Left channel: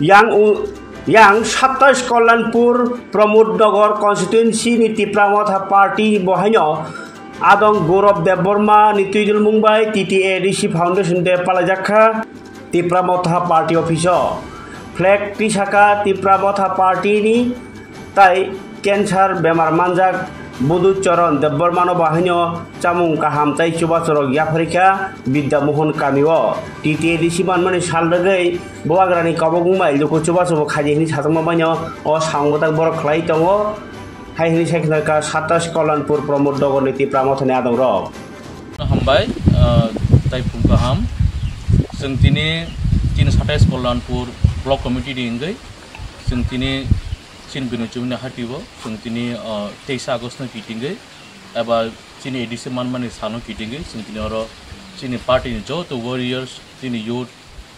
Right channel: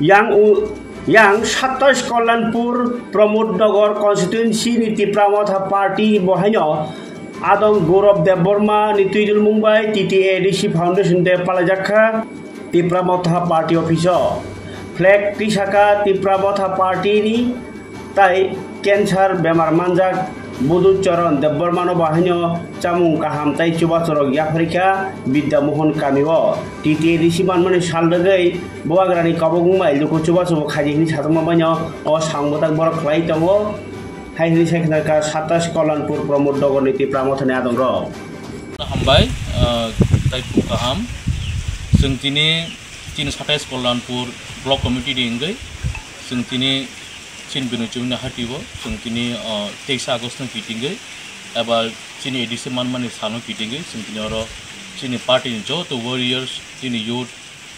yang 27 Kollanpur Pramodnagar constituency ni Tipramotha party bohaino adong Gaurav Debbarma ni Tuidul Mumbai TTADC Foundation de Palajakha Tipramotha party office flag tisaka Tipramotha party ni tai cancer bemar manjak Buducharan Debbarmano bahaino chamung kaham tai chuba chorok yaprika Bidya Mohan Kamiwo TTADC banmani salbagai boagrani kabogumbai luko chuba chuba khajini satangmabanyo o sangbotak borok khlai tongo haihini sekhnaka 27 Kollanpur Pramodnagar ni Tipramotha ni adong ro hambai tai pukaham sengtini 27 Kollanpur block committee dingai sengtini Chin Binuchumna Hativo, Sungtini 23 August Kitingai, about Chini Edison Manman is Hano Kitingai, Suntinoro, Chini Party in Joe, the Warriors, Chini Youth,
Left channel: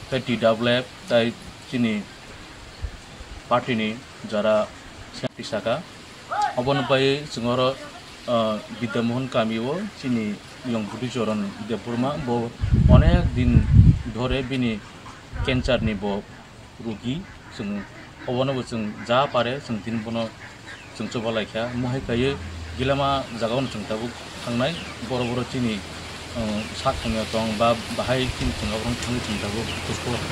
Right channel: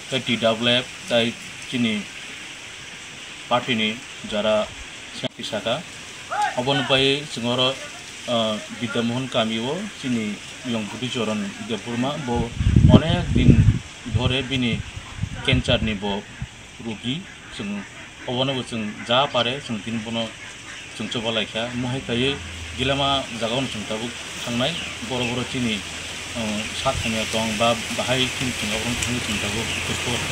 30 Double, Tai Chini Party Jara Shantisaka, Obon Pai, Sungoro, Bidya Mohan Kamiwo, Chini Young Buduchoran, the Burma, Bo, One Din Dore Bini, Kenchar Nebo, Rugi, Sung. Obono जों जा पारे जों दिन बनो जों चोबा लायखा महाय थायो गिलामा जागावनो जों दाबो थांनाय बर' चिनि सा थांनायाव दं बा बाहाय चिनि थांगावनो थाङो जों दाबो